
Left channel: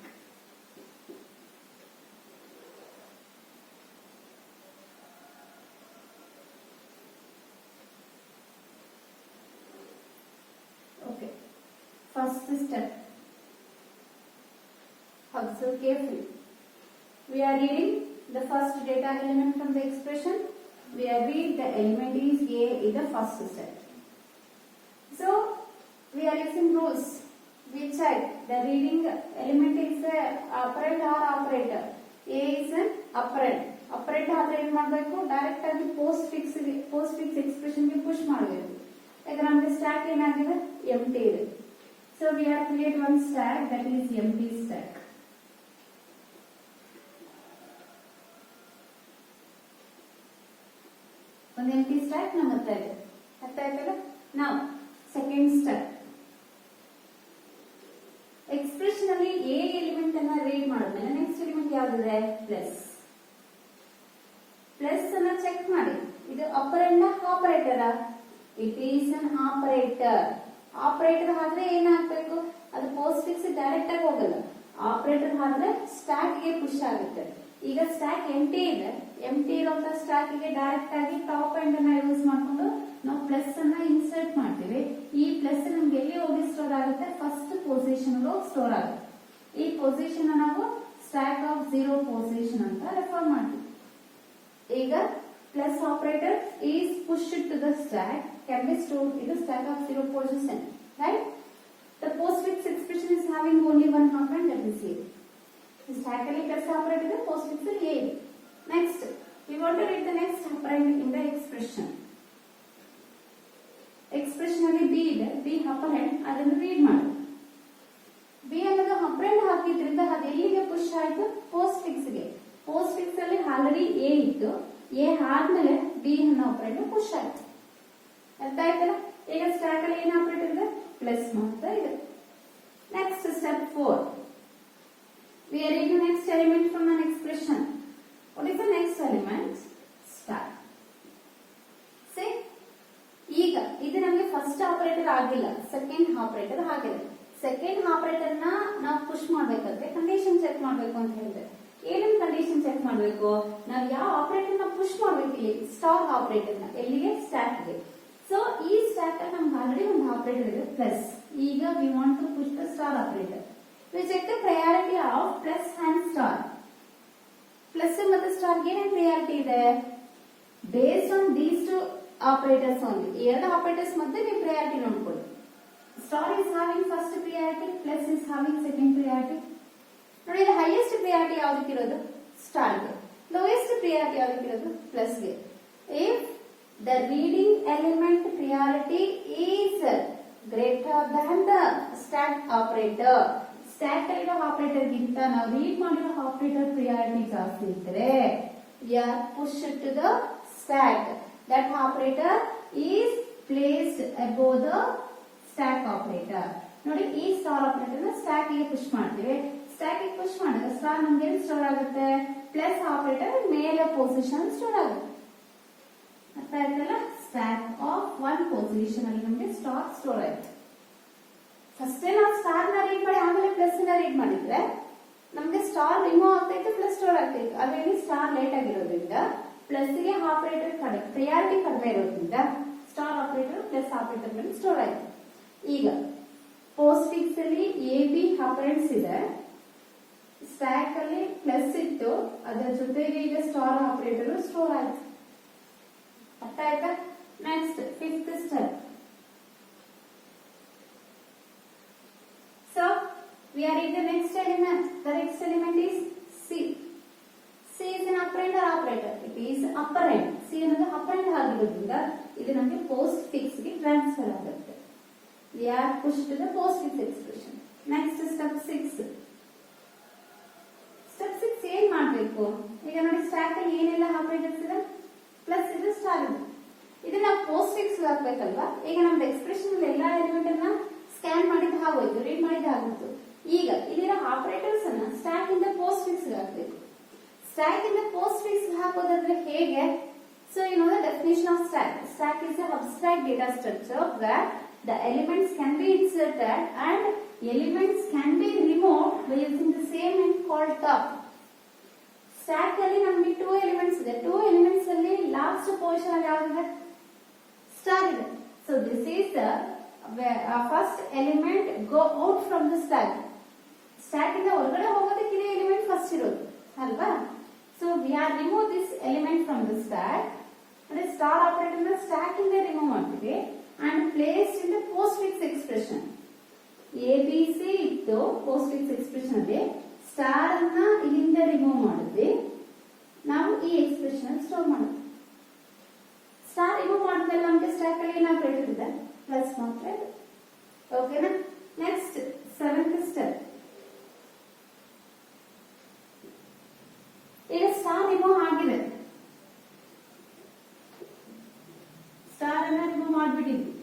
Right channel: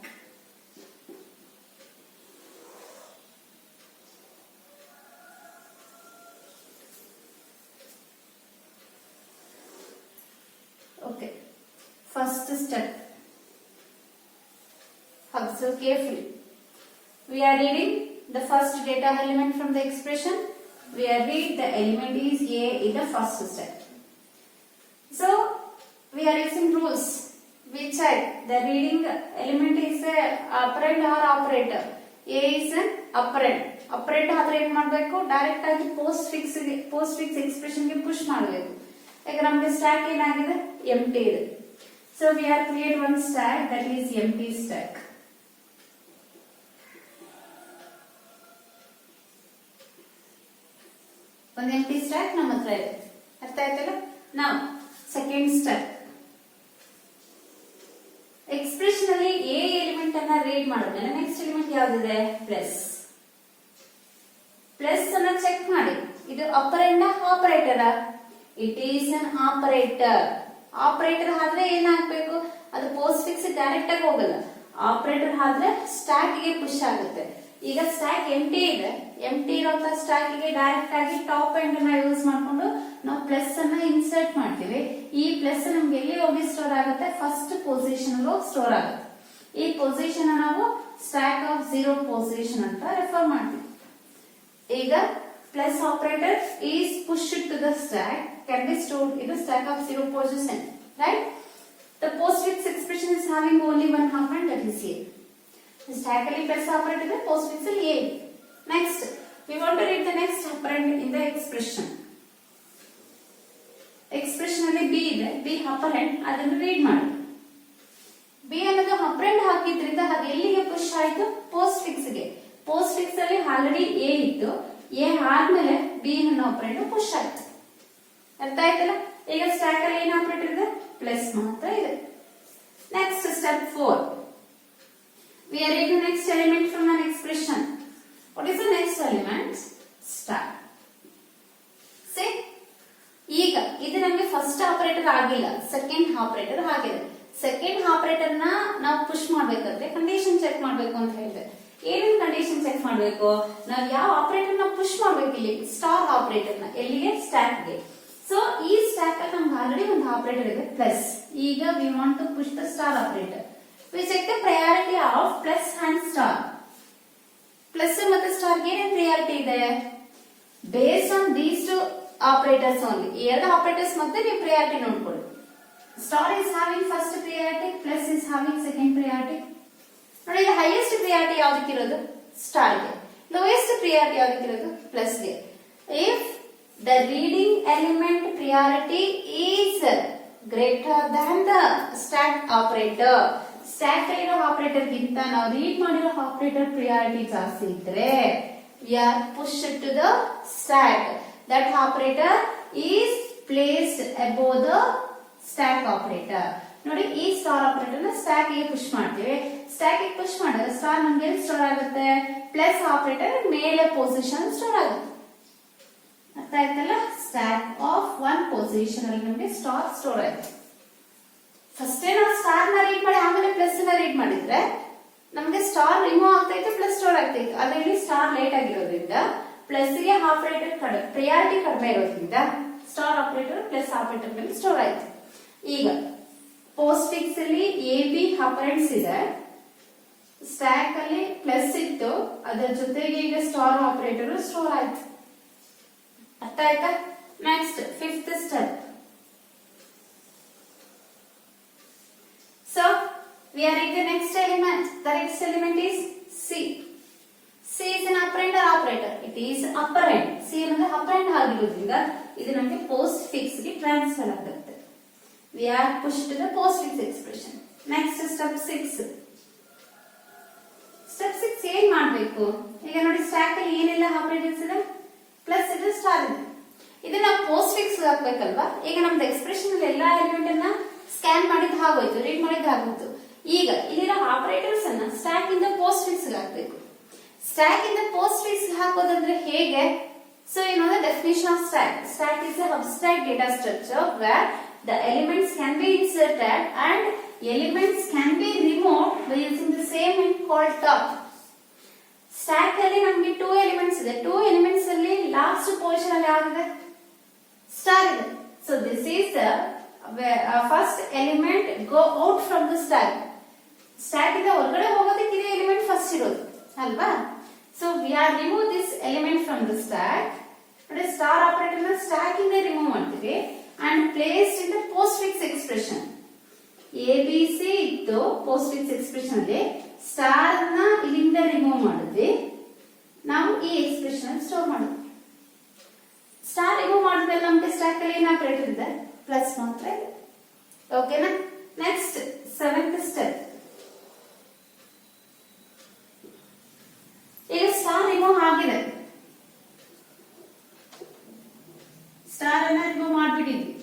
Okay. First step. Observe carefully. We are reading the first data element from the expression. We are read the element is A in the first step. So we are using rules. We check the reading element is a operand or operator. A is an operand. Operand ಆದ್ರೆ ಏನು ಮಾಡಬೇಕು, ಡೈರೆಕ್ಟ್ ಆಗಿ post fix expression ಗೆ ಪುಷ್ ಮಾಡಬೇಕು. ಈಗ ನಮಗೆ ಸ್ಟ್ಯಾಕ್ ಏನಾಗಿದೆ, ಎಂಟಿ ಇದೆ. So we are create one stack, that is empty stack. ಒಂದು empty stack ನಮ್ಮ ಹತ್ರ ಇದೆ. ಅರ್ಥ ಆಯ್ತಲ್ಲ? Now second step. ಎಕ್ಸ್ಪ್ರೆಷನ್ ಅಲ್ಲಿ ಎ ಎಲಿಮೆಂಟ್ ಅನ್ನ ರೀಡ್ ಮಾಡಿದ್ಮೇಲೆ ನೆಕ್ಸ್ಟ್ ಎಲಿಮೆಂಟ್ ಯಾವ್ದಿದೆ, ಪ್ಲಸ್. ಪ್ಲಸ್ ಅನ್ನ ಚೆಕ್ ಮಾಡಿ, ಇದು operand operator. It is an operator. Operator ಆದ್ರೆ ಏನಾಗಬೇಕು, ಅದು ಪೋಸ್ಟ್ ಫಿಕ್ಸ್ ಡೈರೆಕ್ಟ್ ಆಗಿ ಹೋಗಲ್ಲ. ಆಪರೇಟರ್ ಆದ್ರೆ ಸ್ಟ್ಯಾಕ್ ಗೆ ಪುಷ್ ಆಗುತ್ತೆ. ಈಗ ಸ್ಟ್ಯಾಕ್ ಎಂಟಿ ಇದೆ, ಎಂಟಿ ಇರೋಂತ ಸ್ಟ್ಯಾಕ್ ಗೆ ಡೈರೆಕ್ಟ್ ಆಗಿ ಟಾಪ್ ಎಂಡ್ ಅನ್ನ ಯೂಸ್ ಮಾಡ್ಕೊಂಡು ನಾವು ಪ್ಲಸ್ ಅನ್ನ ಇನ್ಸರ್ಟ್ ಮಾಡ್ತೀವಿ. ಈ ಪ್ಲಸ್ ನಮ್ಗೆ ಎಲ್ಲಿ ಹೋಗಿ ಸ್ಟೋರ್ ಆಗುತ್ತೆ, ಫಸ್ಟ್ ಪೊಸಿಷನ್ ಅಲ್ಲಿ ಸ್ಟೋರ್ ಆಗುತ್ತೆ. ಈ ಪೊಸಿಷನ್ ನಾವು ಸ್ಟ್ಯಾಕ್ ಆಫ್ 0 ಪೊಸಿಷನ್ ಅಂತ ರೆಫರ್ ಮಾಡ್ತೀವಿ. ಈಗ plus operator is pushed to the stack can be stored in the stack of 0 position, right? The postfix expression is having only one operand, that is A. The stack ali plus operator is postfix A. Next, we want to read the next operand in the expression. Expression ಅಲ್ಲಿ B ಇದೆ, B operand, ಅದನ್ನು ರೀಡ್ ಮಾಡಿ. B ಅನ್ನೋದು operand ಹಾಕಿದ್ರಿಂದ ಅದು ಎಲ್ಲಿಗೆ ಪುಷ್ ಆಯಿತು, postfix ಗೆ. postfix ಅಲ್ಲಿ ಆಲ್ರೆಡಿ A ಇತ್ತು, A ಆದ್ಮೇಲೆ B ಅನ್ನೋ ಆಪರೇಟರ್ ಪುಷ್ ಆಯ್ತು. ಅರ್ಥ ಆಯ್ತಲ್ಲ? ಈಗ ಸ್ಟ್ಯಾಕ್ ಅಲ್ಲಿ ಏನು ಆಪರೇಟರ್ ಇದೆ, ಪ್ಲಸ್ ಮಾತ್ರ ಇದೆ. Next step 4. We are reading next element from an expression. What is the next element? Star. See? ಈಗ ಇದು ನಮಗೆ ಫಸ್ಟ್ ಆಪರೇಟರ್ ಆಗಿಲ್ಲ, ಸೆಕೆಂಡ್ ಆಪರೇಟರ್ ಆಗಿದೆ. ಸೆಕೆಂಡ್ ಆಪರೇಟರ್ ನ ನಾವು ಪುಷ್ ಮಾಡ್ಬೇಕಾದ್ರೆ ಕಂಡೀಷನ್ ಚೆಕ್ ಮಾಡ್ಬೇಕು ಅಂತ ಹೇಳಿದೆ. ಏನೇನು ಕಂಡೀಷನ್ ಚೆಕ್ ಮಾಡಬೇಕು, ನಾವು ಯಾವ ಆಪರೇಟರ್ ನ ಪುಷ್ ಮಾಡ್ಬೇಕು, ಇಲ್ಲಿ ಸ್ಟಾರ್ ಆಪರೇಟರ್ ನ ಎಲ್ಲಿಗೆ, ಸ್ಟ್ಯಾಕ್ ಗೆ. ಸೊ ಈ ಸ್ಟ್ಯಾಕ್ ಅಲ್ಲಿ ನಮ್ಗೆ ಆಲ್ರೆಡಿ ಒಂದು ಆಪರೇಟರ್ ಇದೆ ಪ್ಲಸ್. ಈಗ we want to push the star operator. We check the priority of plus and star. Plus ಮತ್ತೆ ಸ್ಟಾರ್ ಗೆ ಏನೇನು ಪ್ರಯಾರಿಟಿ ಇದೆ, based on these two operators only. ಎರಡು ಆಪರೇಟರ್ಸ್ ಮಧ್ಯೆ ನೀವು ಪ್ರಯಾರಿಟಿ ನೋಡ್ಕೊಳ್ಳಿ. Star is having first priority, plus is having second priority. ನೋಡಿ, highest priority ಯಾವ್ದಕ್ಕಿರೋದು, ಸ್ಟಾರ್ ಗೆ. ಲೋಯೆಸ್ಟ್ ಪ್ರಿಯಾರಿಟಿ ಯಾವ್ದಕ್ಕಿರೋದು, ಪ್ಲಸ್ ಗೆ. If the reading element priority is greater than the stack operator, stack ಅಲ್ಲಿರೋ ಆಪರೇಟರ್ ಗಿಂತ ನಾವು ರೀಡ್ ಮಾಡಿರೋ ಆಪರೇಟರ್ ಪ್ರಿಯಾರಿಟಿ ಜಾಸ್ತಿ ಇದ್ರೆ we are pushed to the stack. That operator is placed above the stack operator. ನೋಡಿ, ಈ ಸ್ಟಾರ್ ಆಪರೇಟರ್ ನ ಸ್ಟ್ಯಾಕ್ ಗೆ ಪುಷ್ ಮಾಡ್ತೀವಿ. ಸ್ಟ್ಯಾಕ್ ಗೆ ಪುಷ್ ಮಾಡಿದ್ರೆ ಸ್ಟಾರ್ ನಮ್ಗೆ ಎಲ್ಲಿ ಸ್ಟೋರ್ ಆಗುತ್ತೆ, ಪ್ಲಸ್ ಆಪರೇಟರ್ ಮೇಲೆ ಪೊಸಿಷನ್ ಸ್ಟೋರ್ ಆಗುತ್ತೆ. ಅರ್ಥ ಆಯ್ತಲ್ಲ? ಸ್ಟ್ಯಾಕ್ ಆಫ್ 1 ಪೊಸಿಷನ್ ಅಲ್ಲಿ ನಮ್ಗೆ ಸ್ಟಾರ್ ಸ್ಟೋರ್ ಆಯ್ತು. ಫಸ್ಟ್ ನಾವು ಸ್ಟಾರ್ ನ ರೀಡ್ ಮಾಡಿ ಆಮೇಲೆ ಪ್ಲಸ್ ನ ರೀಡ್ ಮಾಡಿದ್ರೆ ನಮ್ಗೆ ಸ್ಟಾರ್ ರಿಮೂವ್ ಆಗ್ತಾ ಇತ್ತು, ಪ್ಲಸ್ ಸ್ಟೋರ್ ಆಗ್ತಾ ಇತ್ತು. ಅದರಲ್ಲಿ ಸ್ಟಾರ್ ಲೇಟ್ ಆಗಿರೋದ್ರಿಂದ ಪ್ಲಸ್ ಗೆ ಆಪರೇಟರ್ ಪ್ರಿಯಾರಿಟಿ ಕಡಿಮೆ ಇರೋದ್ರಿಂದ ಸ್ಟಾರ್ ಆಪರೇಟರ್ ಪ್ಲಸ್ ಆಪರೇಟರ್ ಮೇಲೆ ಸ್ಟೋರ್ ಆಯ್ತು. ಈಗ ಪೋಸ್ಟ್ ಫಿಕ್ಸ್ ಅಲ್ಲಿ ಎ ಬಿ ಆಪರೆಂಟ್ಸ್ ಇದೆ, ಸ್ಟ್ಯಾಕ್ ಅಲ್ಲಿ ಪ್ಲಸ್ ಇತ್ತು, ಅದರ ಜೊತೆಗೆ ಈಗ ಸ್ಟಾರ್ ಆಪರೇಟರ್ ಸ್ಟೋರ್ ಆಯ್ತು. ಅರ್ಥ ಆಯ್ತಾ? Next 5th step. So we are in the next element. The next element is C. C is an operand or operator. It is operand. C ಅನ್ನೋದು operand ಆಗಿರೋದ್ರಿಂದ ಇದು ನಮಗೆ ಪೋಸ್ಟ್ ಫಿಕ್ಸ್ ಗೆ ಟ್ರಾನ್ಸ್ಫರ್ ಆಗುತ್ತೆ. We are pushed to the postfix expression. Next step 6. Step 6 ಏನ್ ಮಾಡಬೇಕು? ಈಗ ನೋಡಿ, ಸ್ಟ್ಯಾಕ್ ಅಲ್ಲಿ ಏನೆಲ್ಲ ಆಪರೇಟರ್ಸ್ ಇದೆ, ಪ್ಲಸ್ ಇದೆ, ಸ್ಟಾರ್ ಇದೆ. ಇದನ್ನ postfix ಹಾಕ್ಬೇಕಲ್ವಾ? ಈಗ ನಮ್ದು ಎಕ್ಸ್ಪ್ರೆಷನ್ ಅಲ್ಲಿ ಎಲ್ಲಾ ಎಲಿಮೆಂಟ್ ಅನ್ನ ಸ್ಕ್ಯಾನ್ ಮಾಡಿದ್ ಆಗೋಯ್ತು, ರೀಡ್ ಮಾಡಿದ್ ಆಗೋಯ್ತು. ಈಗ ಇಲ್ಲಿರೋ ಆಪರೇಟರ್ಸ್ ಅನ್ನ ಸ್ಟ್ಯಾಕ್ ಇಂದ postfix ಹಾಕ್ಬೇಕು. ಸ್ಟ್ಯಾಕ್ ಇಂದ postfix ಹಾಕೋದಂದ್ರೆ ಹೇಗೆ? So you know the definition of stack. Stack is an abstract data structure where the elements can be inserted and elements can be removed by using the same end called top. Stack ಅಲ್ಲಿ ನಮಗೆ 2 ಎಲಿಮೆಂಟ್ಸ್ ಇದೆ. 2 ಎಲಿಮೆಂಟ್ಸ್ ಅಲ್ಲಿ last position ಅಲ್ಲಿ ಯಾವ್ದಿದೆ, ಸ್ಟಾರ್ ಇದೆ. So this is the first element go out from the stack. Stack ಇಂದ ಹೊರಗಡೆ ಹೋಗೋದಕ್ಕೆ ಇದೇ ಎಲಿಮೆಂಟ್ ಫಸ್ಟ್ ಇರೋದು ಅಲ್ವಾ? So we are remove this element from the stack. And star operator na stack in the remove ಮಾಡ್ತೀವಿ and placed in the postfix expression. ABC ಇತ್ತು postfix expression ಅಲ್ಲಿ ಸ್ಟಾರ್ ನ ಇಲ್ಲಿಂದ ರಿಮೂವ್ ಮಾಡಿದ್ವಿ. ನಾವು ಈ ಎಕ್ಸ್ಪ್ರೆಷನ್ ಸ್ಟೋರ್ ಮಾಡೋದು. ಸ್ಟಾರ್ ರಿಮೂವ್ ಮಾಡಿದ್ಮೇಲೆ ನಮಗೆ ಸ್ಟಾಕ್ ಅಲ್ಲಿ ಏನು ಆಪರೇಟರ್ ಇದೆ ಪ್ಲಸ್ ಮಾತ್ರ ಇದೆ. ಓಕೆನಾ? Next 7th step. ಈಗ ಸ್ಟಾರ್ ರಿಮೂವ್ ಆಗಿದೆ. ಸ್ಟಾರ್ ಅನ್ನ ರಿಮೂವ್ ಮಾಡಿಬಿಟ್ಟಿದ್ವಿ.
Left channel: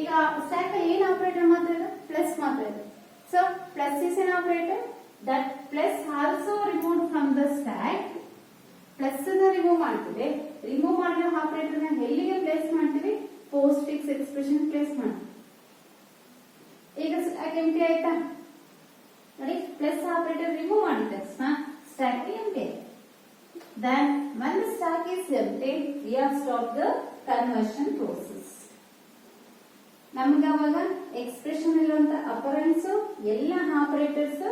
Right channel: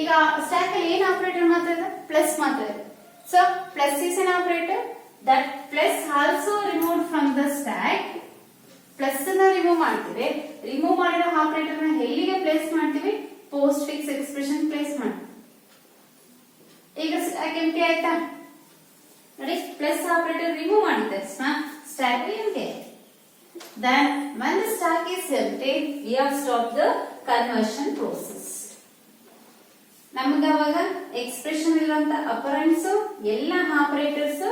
ಈಗ ಸ್ಟಾಕ್ ಅಲ್ಲಿ ಏನು ಆಪರೇಟರ್ ಮಾತ್ರ ಇದೆ ಪ್ಲಸ್ ಮಾತ್ರ ಇದೆ. So plus is an operator that plus also removed from the stack. Plus ಅನ್ನ ರಿಮೂವ್ ಮಾಡ್ತೀವಿ. ರಿಮೂವ್ ಮಾಡಿರೋ ಆಪರೇಟರ್ ನ ಎಲ್ಲಿಗೆ ಪ್ಲೇಸ್ ಮಾಡ್ತೀವಿ? ಪೋಸ್ಟ್ ಫಿಕ್ಸ್ ಎಕ್ಸ್ಪ್ರೆಷನ್ ಪ್ಲೇಸ್ ಮಾಡ್ತೀವಿ. ಈಗ ಸ್ಟಾಕ್ ಎಂಟಿ ಆಯ್ತಾ? ನೋಡಿ ಪ್ಲಸ್ ಆಪರೇಟರ್ ರಿಮೂವ್ ಮಾಡಿದ್ದೆ stack empty. Then when the stack is empty, we have stopped the conversion process. ನಮಗೆ ಅವಾಗ ಎಕ್ಸ್ಪ್ರೆಷನ್ ಇರುವಂತ ಅಪರೆಂಟ್ಸ್ ಎಲ್ಲ ಆಪರೇಟರ್ಸ್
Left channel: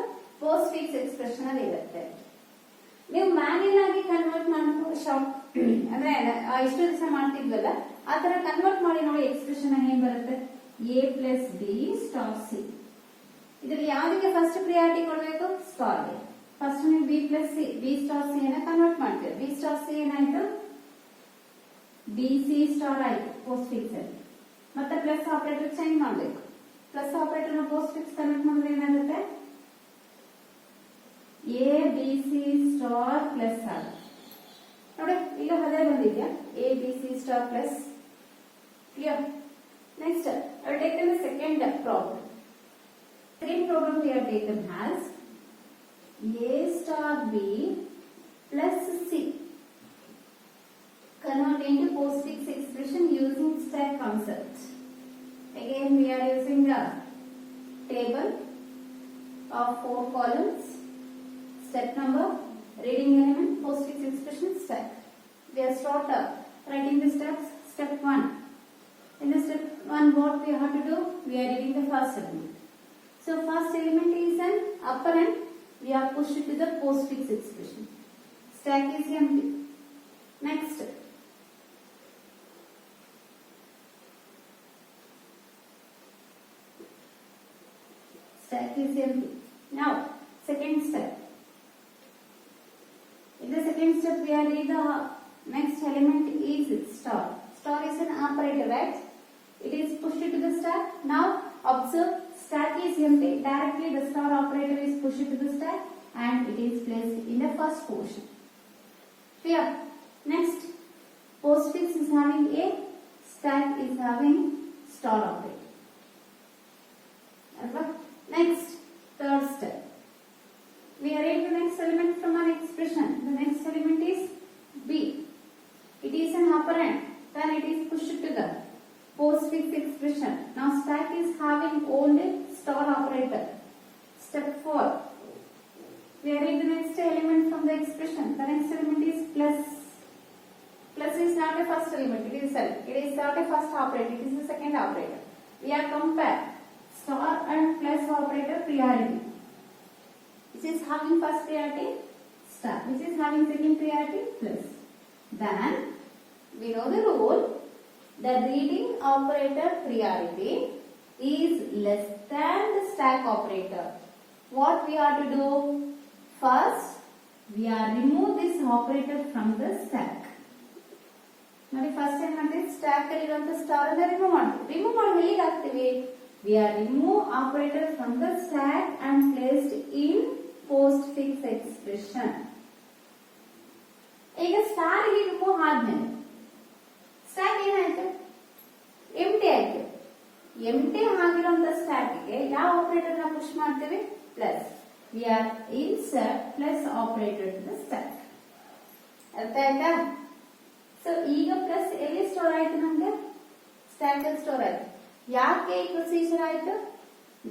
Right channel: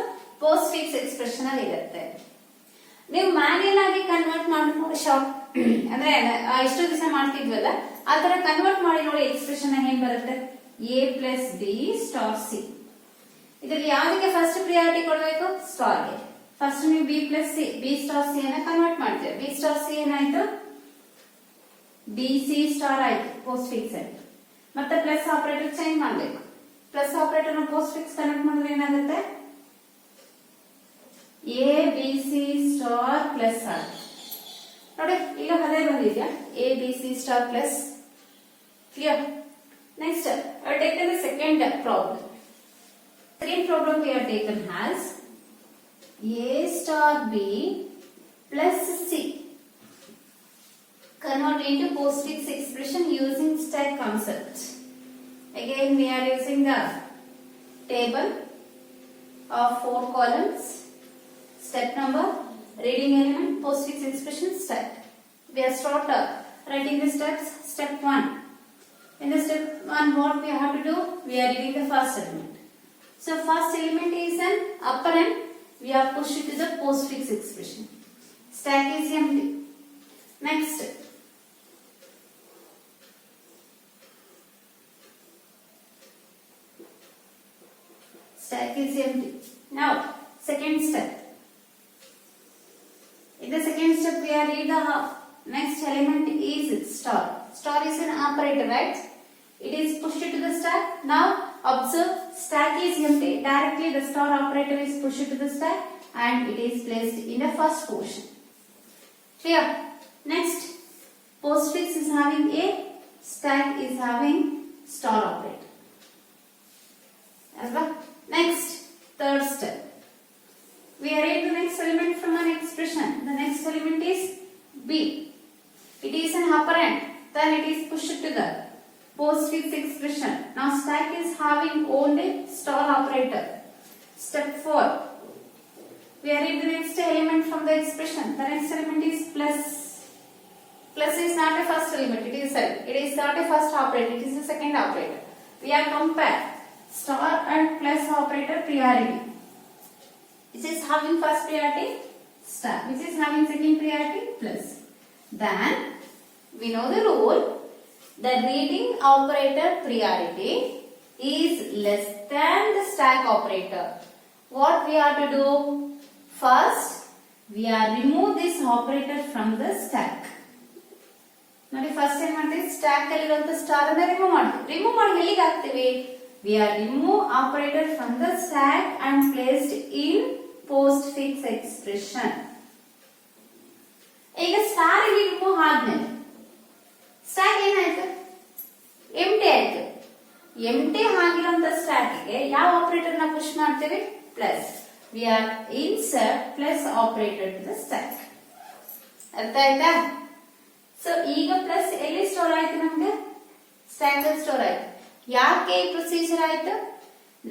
ಪೋಸ್ಟ್ ಫಿಕ್ಸ್ ಎಕ್ಸ್ಪ್ರೆಷನ್ ಅಲ್ಲಿ ಇರುತ್ತೆ. ನೀವು ಮ್ಯಾನ್ಯಲ್ ಆಗಿ ಕನ್ವರ್ಟ್ ಮಾಡಿ ಶಾರ್ಟ್ ಅಂದ್ರೆ ಇಷ್ಟು ದಿವಸ ಮಾಡ್ತಿದ್ವಲ್ಲ ಆ ತರ ಕನ್ವರ್ಟ್ ಮಾಡಿ ನೋಡಿ ಎಕ್ಸ್ಪ್ರೆಷನ್ ಏನ್ ಬರುತ್ತೆ? a plus B star C. ಇದರಲ್ಲಿ ಯಾವ್ದಕ್ಕೆ ಫಸ್ಟ್ ಪ್ರಿಯಾರಿಟಿ ಕೊಡಬೇಕು? ಸ್ಟಾರ್ಗೆ. ಫಸ್ಟ್ ನೀವು B plus C B star C ಅನ್ನ ಕನ್ವರ್ಟ್ ಮಾಡ್ತೀವಿ. ಬಿ ಸ್ಟಾರ್ ಸಿ ಏನಾಯ್ತು? ಬಿ ಸಿ ಸ್ಟಾರ್ ಆಯ್ತು ಪೋಸ್ಟ್ ಫಿಕ್ಸ್ ಅಲ್ಲಿ. ಮತ್ತೆ ಪ್ಲಸ್ ಆಪರೇಟರ್ ಚೇಂಜ್ ಮಾಡಬೇಕು. ಪ್ಲಸ್ ಆಪರೇಟರ್ ನ ಪೋಸ್ಟ್ ಫಿಕ್ಸ್ ಕನೆಕ್ಟ್ ಮಾಡಿದ್ರೆ ಏನಾಗುತ್ತೆ? A B C star plus ಆಗುತ್ತೆ. ನೋಡಿ ಈಗ ಅದೇ ಬಂದಿದ್ಯಾ? A B C star plus. Clear? Next I have taken the second problem. Second problem we have taken has A star B plus C. Convert into postfix expression using stack concept. Again we are using the table of 4 columns. Step number reading element postfix expression stack. We are start writing the steps. Step 1. In the step 1 what we have to do? We are reading the first element. So first element is an operand. We have pushed it to the postfix expression. Stack is empty. Next. Stack is empty. Now second step. In the second step we are read the next element is star. Star is an operator, right? It is pushed to the stack. Now observe stack is empty. Directly the star operator is pushed to the stack and it is placed in the first portion. Clear? Next, postfix is having a, stack is having star operator. As well. Next, third step. We arrange the next element from an expression. The next element is B. It is an operand. Then it is pushed to the postfix expression. Now stack is having only star operator. Step 4. We arrange the next element from the expression. The next element is plus. Plus is not a first element. It is not a first operator. It is a second operator. We are compare star and plus operator priority. Which is having first priority? Star. Which is having second priority? Plus. Then we know the rule. The reading operator priority is less than the stack operator. What we are to do? First, we are remove this operator from the stack. Now, first time at stack alli star and remove ಮಾಡ್ತೀವಿ. Remove ಮಾಡಿ ಎಲ್ಲಿಗೆ ಹಾಕ್ತೀವಿ? We are remove operator from the stack and placed in postfix expression. ಈಗ ಸ್ಟಾರ್ ಗೆ ರಿಮೂವ್ ಆದ್ಮೇಲೆ ಸ್ಟಾಕ್ ಏನಾಯ್ತು? ಎಂಟಿ ಆಯ್ತು. ಎಂಟಿ ಆಗಿರೋಂತ ಸ್ಟಾಕ್ ಗೆ ಯಾವ ಆಪರೇಟರ್ ನ ಪುಷ್ ಮಾಡ್ತೀವಿ? Plus. We are insert plus operator to the stack. ಅರ್ಥ ಆಯ್ತಾ? ಸೊ ಈಗ ಪ್ಲಸ್ ಎಲ್ಲಿ ಸ್ಟೋರ್ ಆಯ್ತು? ನಮ್ಗೆ ಸ್ಟಾಕ್ ಅಲ್ಲಿ ಸ್ಟೋರ್ ಆಯ್ತು. ಯಾಕೆ ಈ ಪ್ರೊಸೀಜರ್ ಆಯ್ತು?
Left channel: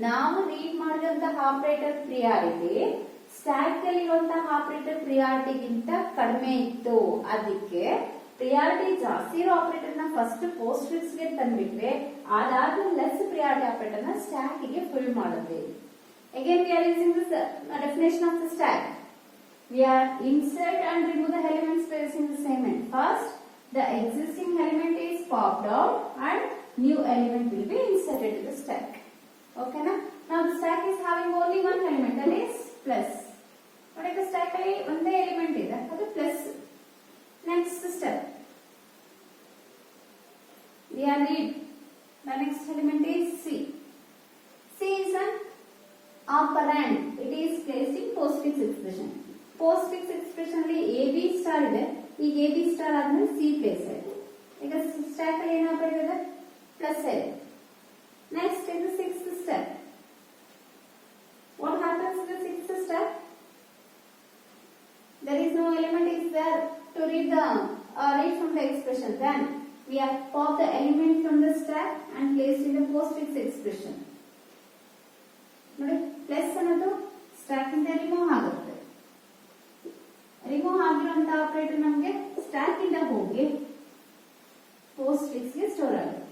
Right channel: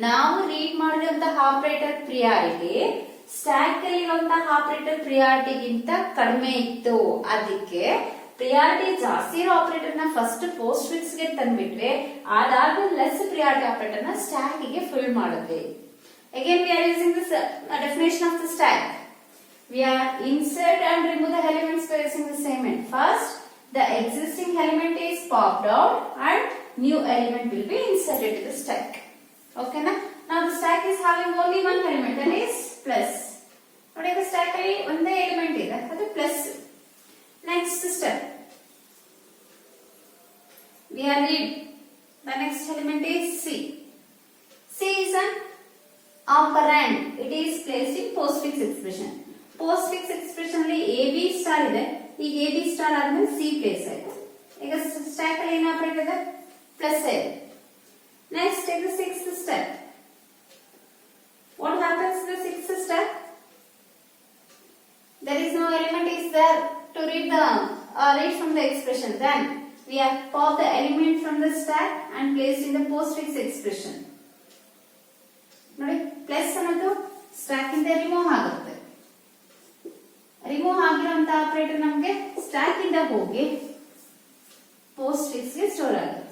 ನಾವು ರೀಡ್ ಮಾಡಿದಂತ ಆಪರೇಟರ್ ಪ್ರಿಯಾರಿಟಿ ಸ್ಟಾಕ್ ಅಲ್ಲಿ ಇರುವಂತಹ ಆಪರೇಟರ್ ಪ್ರಿಯಾರಿಟಿಗಿಂತ ಕಡಿಮೆ ಇತ್ತು. ಅದಕ್ಕೆ ಪ್ರಿಯಾರಿಟಿ ಜಾಸ್ತಿ ಇರೋ ಆಪರೇಟರ್ ನ ಫಸ್ಟ್ ಪೋಸ್ಟ್ ಫಿಕ್ಸ್ ಗೆ ತಂದ್ಬಿಟ್ರೆ ಅದಾದ್ಮೇಲೆ ಲೆಸ್ ಪ್ರಿಯಾರಿಟಿ ಆಪರೇಟರ್ ನ ಸ್ಟಾಕ್ ಗೆ ಫಿಲ್ ಮಾಡಿದ್ವಿ. Again we are using this definition of the stack. We are insert and remove the elements by using the same end. First, the existing element is popped out and new element will be inserted to the stack. Okay na? Now the stack is having only one element, that is plus. ನೋಡಿ ಈಗ ಸ್ಟ್ಯಾಕ್ ಅಲ್ಲಿ ಒಂದೇ ಎಲಿಮೆಂಟ್ ಇದೆ, ಅದು plus. Next step, we are read the next element is C. C is an operand. It is placed in postfix expression. Postfix expression ಅಲ್ಲಿ AB star ಇದೆ, ಈಗ AB star ಆದ್ಮೇಲೆ C ಪ್ಲೇಸ್ ಆಯ್ತು. ಈಗ ಸ್ಟ್ಯಾಕ್ ಅಲ್ಲಿ ಏನು ಆಪರೇಟ್ ಇದೆ, ಪ್ಲಸ್ ಇದೆ. Next is the sixth step. What happens in the sixth step? There is no element is there to read from the expression. Then we have popped the element from the stack and placed in the postfix expression. ನೋಡಿ ಪ್ಲಸ್ ಅನ್ನೋದು ಸ್ಟ್ಯಾಕ್ ಇಂದ ರಿಮೂವ್ ಆಗುತ್ತೆ. ರಿಮೂವ್ ಆಗಿರುವಂತ ಆಪರೇಟರ್ ನಮಗೆ ಸ್ಟ್ಯಾಕ್ ಇಂದ ಹೋಗಿ postfix ಗೆ ಸ್ಟೋರ್ ಆಗುತ್ತೆ.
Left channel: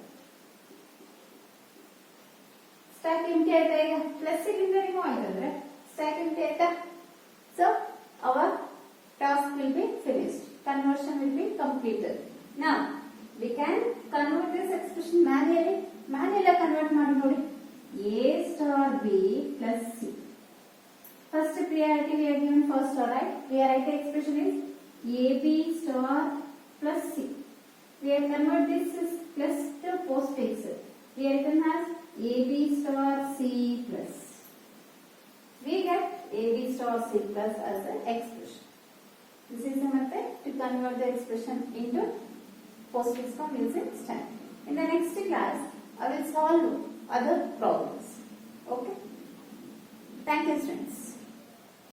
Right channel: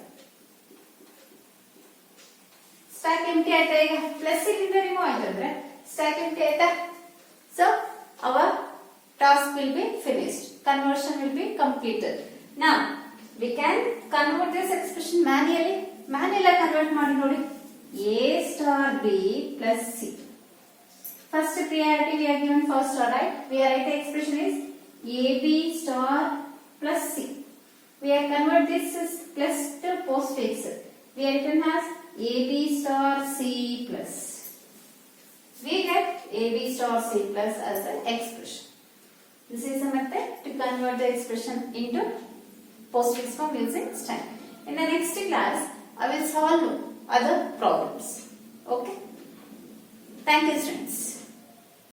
ಸ್ಟ್ಯಾಕ್ ಎಂಟಿ ಆಯ್ತಾ, ಈಗ ಪ್ಲಸ್ ಇಂದ ರಿಮೂವ್ ಆಯ್ತು ಅಂದ್ರೆ ಸ್ಟ್ಯಾಕ್ ಎಂಟಿ ಆಯ್ತಾ. So our task will be finished. Conversion will be completed. Now we can convert this expression manually. Manually convert ಮಾಡಿ ನೋಡಿ. A star B plus C. First priority we are given first star, right? We are write the expression is AB star plus C. We are convert this is plus to postfix. We are written as AB star C plus. We get AB star C plus as an expression. This is a method to convert the expression into postfix form using stack. In the next class, I will solve other problems. Okay. Thank you, students.